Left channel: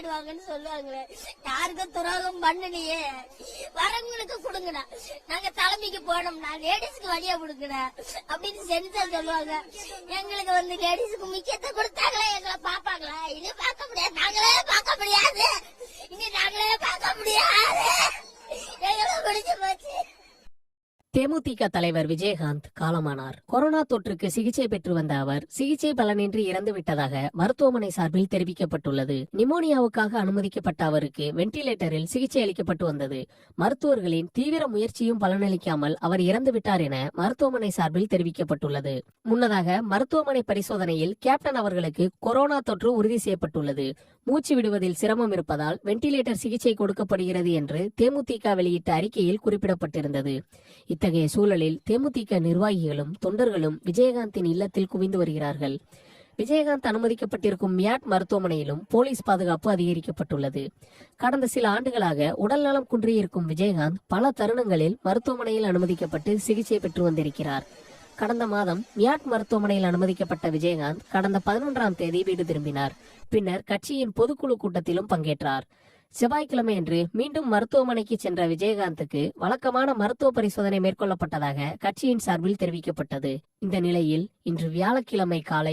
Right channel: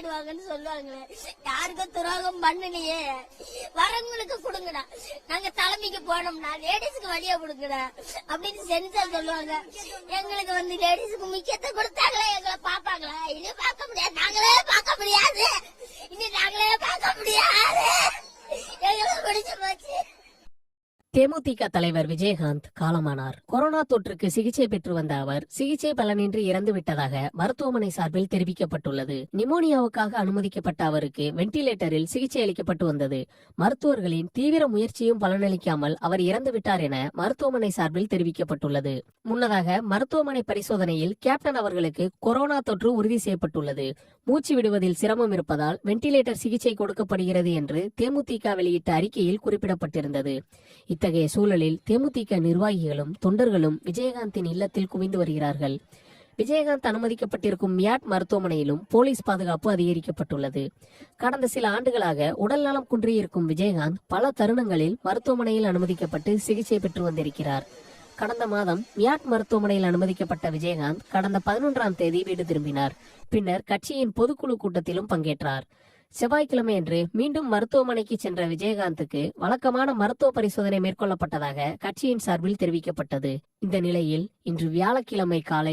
ஆயிடுவாங்கன்னு சொல்லுவாங்களே, யாருக்கும் துரோகம் பண்ணலையே, வரவங்களுக்கு கொடுங்கடா, நாங்க தலைமைக்கு போனோம்னா லேடிஸ்க்கு வழியா கொடுக்கடா அப்படின்னு சென்சார் சொல்லுவாங்க. எங்களுக்கு வந்து லேடிஸுக்கு முக்கியத்தை கொடுத்தாங்களா, எங்களை பாப்பாங்களா? இனி பார்க்க முடியாது, நாங்களே பார்க்க முடியாது, இனி நாங்களே பார்க்க முடியாது, எங்களை பிடிச்சு போச்சு. தேமுதிக தலைவர் விஜயகாந்த் காலமானார். கொரோனா தொற்றுக்கு சிகிச்சை பெற்று வந்த அவர் சிகிச்சை பலனின்றி இறந்து விட்டதாக மருத்துவமனை சார்பில் தெரிவிக்கப்பட்டுள்ளது. நிமோனியாவுக்காக அனுமதிக்கப்பட்ட அவருக்கு வெண்டிலேட்டரில் சிகிச்சை அளிக்கப்பட்டு வந்தது. மருத்துவர்களின் தீவிர முயற்சியும் பலனளிக்காமல் அவர் இறந்து விட்டார் என மருத்துவமனை சார்பில் தெரிவிக்கப்பட்டுள்ளது. முன்னதாக மருத்துவமனை பரிசோதனையில் கேப்டன் அவர்களுக்கு கொரோனா தொற்று உறுதி செய்யப்பட்டுள்ளது. மூச்சு விடுவதில் சிரமம் இருப்பதால் வெண்டிலேட்டர் சிகிச்சை கொடுக்கப்படுகிறது என்று தேமுதிக வெளியிட்ட அறிக்கையில் குறிப்பிடப்பட்டிருந்தது. இத்தகைய சூழலில் தேமுதிக நிர்வாகிகளும் தொண்டர்களும் விஜயகாந்தின் இல்லத்தில் குவிந்து வருகிறார்கள். விஜயகாந்த் அனுமதிக்கப்பட்டிருக்கும் மியாட் மருத்துவமனையிலும் போலீஸ் பாதுகாப்பு அதிகரிக்கப்பட்டுள்ளது. கடந்த சில ஆண்டுகளாக உடல்நலம் குன்றியிருக்கும் விஜயகாந்த் பல தருணங்களில் மருத்துவமனையில் அனுமதிக்கப்பட்டு சிகிச்சை பெற்று வந்திருக்கிறார். கடந்த மாதம் மியாட் மருத்துவமனையில் அனுமதிக்கப்பட்ட விஜயகாந்த் கடந்த 11ஆம் தேதி வீடு திரும்பினார். பின்னர் கட்சியின் பொதுக்குழு கூட்டத்திலும் பங்கேற்றார். செவ்வாய்க்கிழமை அன்று மீண்டும் மருத்துவமனைக்கு சென்ற விஜயகாந்துக்கு வழக்கமான மருத்துவ பரிசோதனை மேற்கொள்ளப்பட்டதாக கட்சியின் சார்பில் தெரிவிக்கப்பட்டது. இந்த நிலையில் இன்று வியாழக்கிழமை காலை